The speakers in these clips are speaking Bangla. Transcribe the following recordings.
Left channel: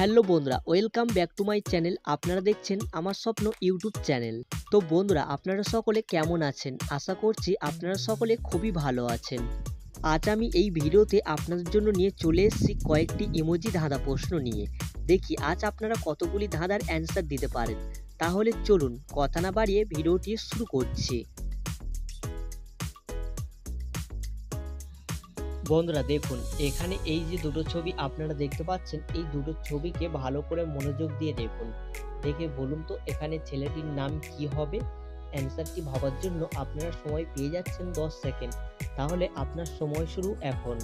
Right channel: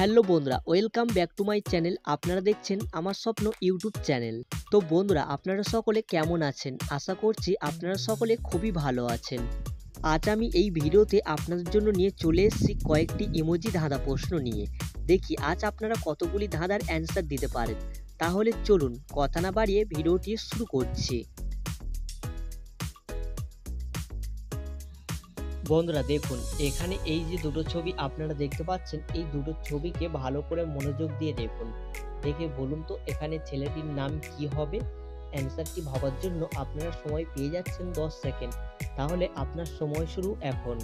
হ্যালো বন্ধুরা, welcome back to my channel. আপনারা দেখছেন আমার স্বপ্ন ইউটিউব চ্যানেল। তো বন্ধুরা, আপনারা সকলে কেমন আছেন? আশা করছি আপনারা সকলে খুবই ভালো আছেন। আজ আমি এই ভিডিওতে আপনাদের জন্য নিয়ে চলে এসেছি কয়েকটি ইমোজি ধাঁধা প্রশ্ন নিয়ে। দেখি আজ আপনারা কতগুলি ধাঁধার অ্যান্সার দিতে পারেন। তাহলে চলুন কথা না বাড়িয়ে ভিডিওটি শুরু করছি। বন্ধুরা দেখুন, এখানে এই যে দুটো ছবি আপনারা দেখতে পাচ্ছেন, এই দুটো ছবিকে ভালো করে মনোযোগ দিয়ে দেখুন। দেখে বলুন তো এখানে ছেলেটির নাম কি হবে? অ্যান্সারটি ভাবার জন্য আপনারা সময় পেয়ে যাচ্ছেন 10 সেকেন্ড। তাহলে আপনার সময় শুরু এখন।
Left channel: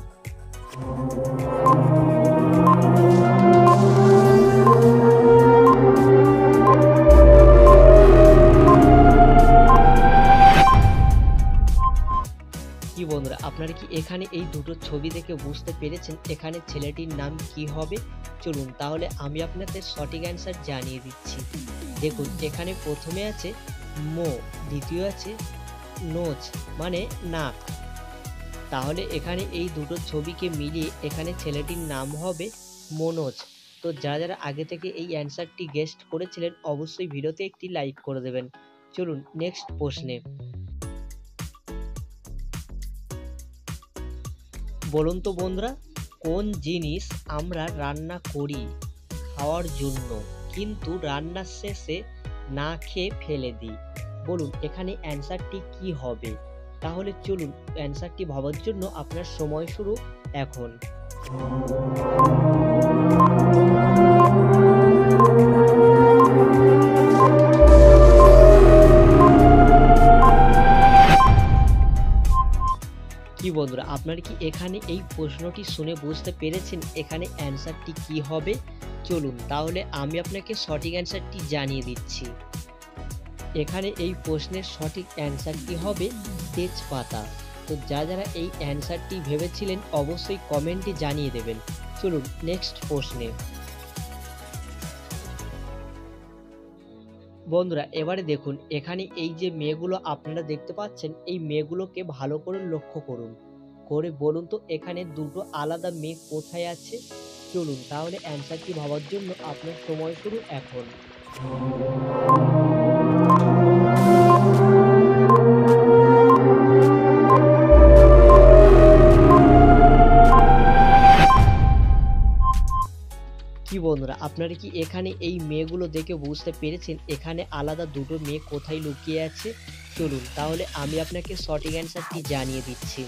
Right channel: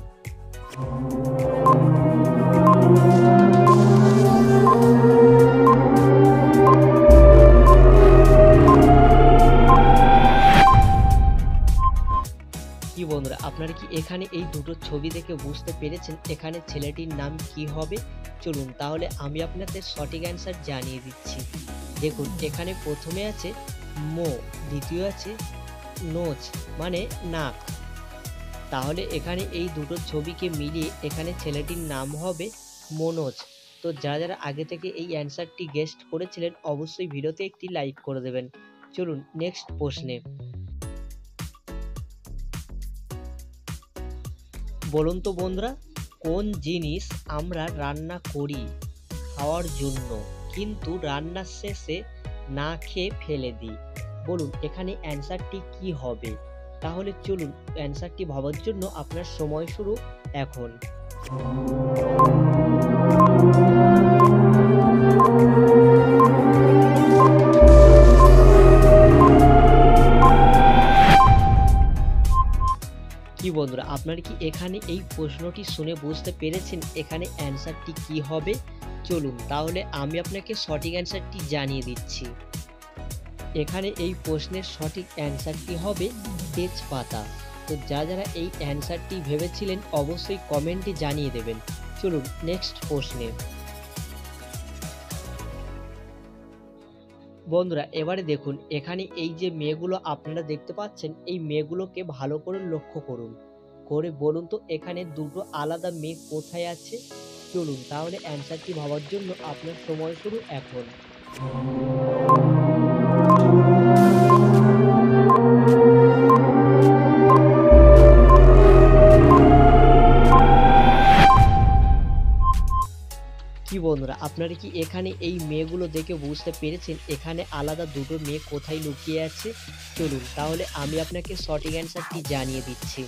কি বন্ধুরা, আপনারা কি এখানে এই দুটো ছবি দেখে বুঝতে পেরেছেন এখানে ছেলেটির নাম কি হবে? চলুন তাহলে আমি আপনাদের সঠিক অ্যান্সার জানিয়ে দিচ্ছি। দেখুন, এখানে প্রথমে আছে মো, দ্বিতীয় আছে নোজ মানে নাক। তাহলে এখানে এই দুটো ছবিকে মিলিয়ে এখানে ছেলেটির নাম হবে মনোজ। তো যারা যারা আগে থেকে এই অ্যান্সারটি গেস্ট করেছিলেন অবশ্যই ভিডিওতে একটি লাইক করে দেবেন। চলুন নেক্সট প্রশ্নে। বলুন তো বন্ধুরা, কোন জিনিস আমরা রান্না করি খাওয়ার জন্য কিন্তু রান্নার শেষে না খেয়ে ফেলে দিই? বলুন এখানে অ্যান্সারটি কি হবে? তাহলে চলুন অ্যান্সারটি ভাবার জন্য আপনার সময় শুরু এখন। কি বন্ধুরা, আপনারা কি এখানে এই প্রশ্নটি শুনে বুঝতে পেরেছেন এখানে অ্যান্সারটি কি হবে? চলুন তাহলে আমি আপনাকে সঠিক অ্যান্সারটি জানিয়ে দিচ্ছি। এখানে এই প্রশ্নের সঠিক অ্যান্সারটি হবে তেজপাতা। তো যারা এই অ্যান্সারটি ভেবেছিলেন অবশ্যই কমেন্টে জানিয়ে দেবেন। চলুন নেক্সট প্রশ্নে। বন্ধুরা এবারে দেখুন, এখানে এই যে মেয়েগুলো আপনারা দেখতে পাচ্ছেন, এই মেয়েগুলোকে ভালো করে লক্ষ্য করুন, করে বলুন তো এখানে দুটো আলাদা মেয়ে কোথায় আছে? চলুন তাহলে অ্যান্সারটি ভাবার জন্য আপনার সময় শুরু এখন। কি বন্ধুরা, আপনারা কি এখানে এই মেয়েগুলো দেখে বুঝতে পেরেছেন এখানে আলাদা দুটো মেয়ে কোথায় লুকিয়ে আছে? চলুন তাহলে আমি আপনাকে সঠিক অ্যান্সারটি জানিয়ে দিচ্ছি।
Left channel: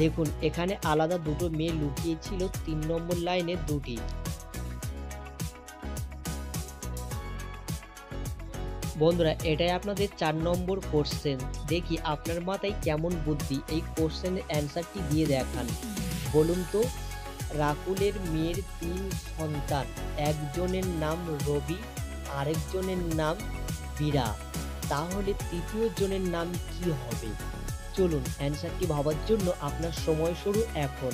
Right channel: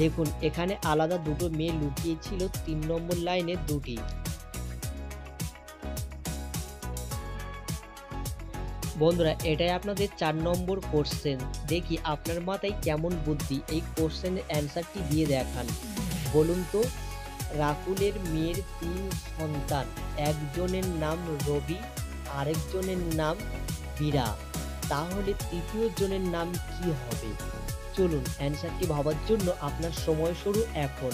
দেখুন, এখানে আলাদা দুটো মেয়ে লুকিয়ে ছিল 3 নম্বর লাইনে দুটি। বন্ধুরা এটাই আপনাদের 4 নম্বর কোশ্চেন। দেখি আপনার মাথায় কেমন বুদ্ধি, এই কোশ্চেনের অ্যান্সারটি দিয়ে দেখান। বলুন তো, রাকুলের মেয়ের 3 সন্তান, একজনের নাম রবি, আরেকজনের নাম বীরা, তাহলে তৃতীয় জনের নাম কি হবে? চলুন অ্যান্সারটি ভাবার জন্য আপনার সময় শুরু এখন।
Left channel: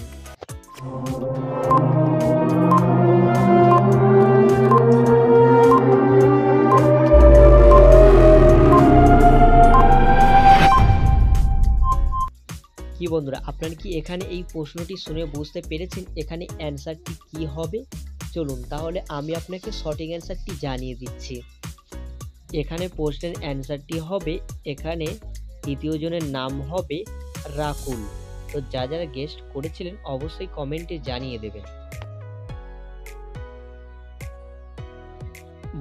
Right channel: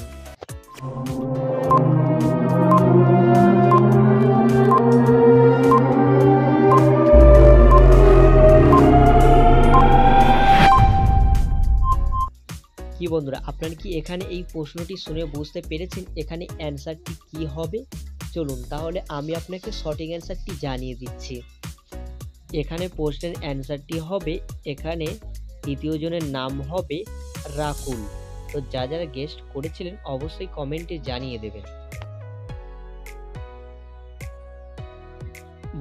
কি বন্ধুরা, আপনারা কি এখানে এই প্রশ্নটি শুনে বুঝতে পেরেছেন এখানে অ্যান্সারটি কি হবে? চলুন তাহলে আমি আপনাকে সঠিক অ্যান্সারটি জানিয়ে দিচ্ছি। এখানে প্রশ্নের অ্যান্সারটি হবে এখানে তৃতীয় জনের নাম হবে রাকুল। তো যারা গেস্ট করেছিলেন অবশ্যই কমেন্টে জানিয়ে দেবেন।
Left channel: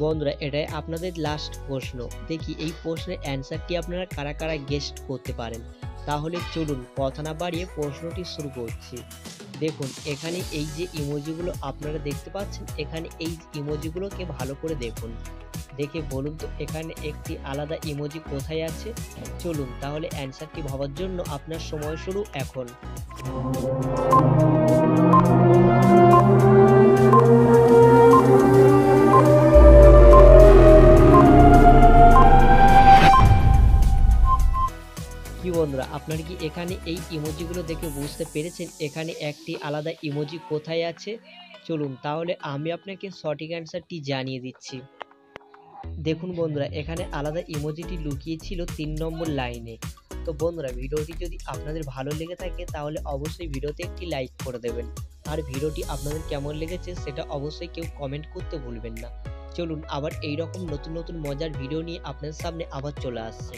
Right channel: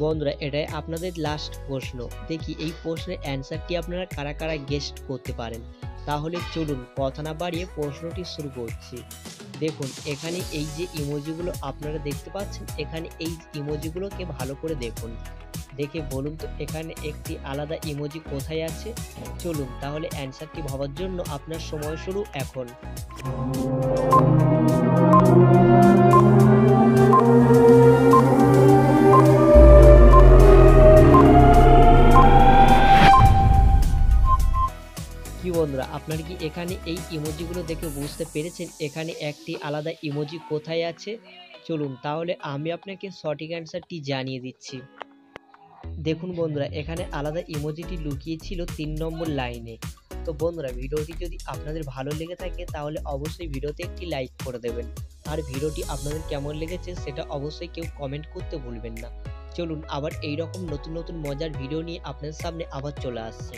বন্ধুরা এটাই আপনাদের লাস্ট প্রশ্ন। দেখি এই প্রশ্নের অ্যান্সারটি আপনারা কারা কারা গেস্ট করতে পারেন। তাহলে চলুন কথা না বাড়িয়ে প্রশ্নটি শুরু করছি। দেখুন, এখানে এই যে ইমোজিগুলো আপনারা দেখতে পাচ্ছেন, এখানে এই ইমোজিগুলোকে ভালো করে দেখুন, দেখে বলুন তো এখানে একটি আলাদা ইমোজি কোথায় আছে? চলুন তাহলে অ্যান্সারটি ভাবার জন্য আপনার সময় শুরু এখন। কি বন্ধুরা, আপনারা কি এখানে এই ইমোজিগুলো দেখে বুঝতে পেরেছেন এখানে একটি আলাদা ইমোজি কোথায় আছে? চলুন তাহলে আমি আপনাকে সঠিক অ্যান্সারটি জানিয়ে দিচ্ছি। দেখুন বন্ধুরা, এখানে আলাদা ইমোজিটি লুকিয়ে ছিল 3 নম্বর লাইনে। তো বন্ধুরা ভিডিওটি যদি আপনাদের ভালো লেগে থাকে তাহলে অবশ্যই ভিডিওতে একটি লাইক করে দেবেন। আর ভিডিওটি আপনাদের কেমন লেগেছে সেটা অবশ্যই কেউ কমেন্ট করতে ভুলবেন না। চলুন আবার এইরকম নতুন নতুন মজার ভিডিও নিয়ে আপনাদের সামনে আবার চলে আসছি।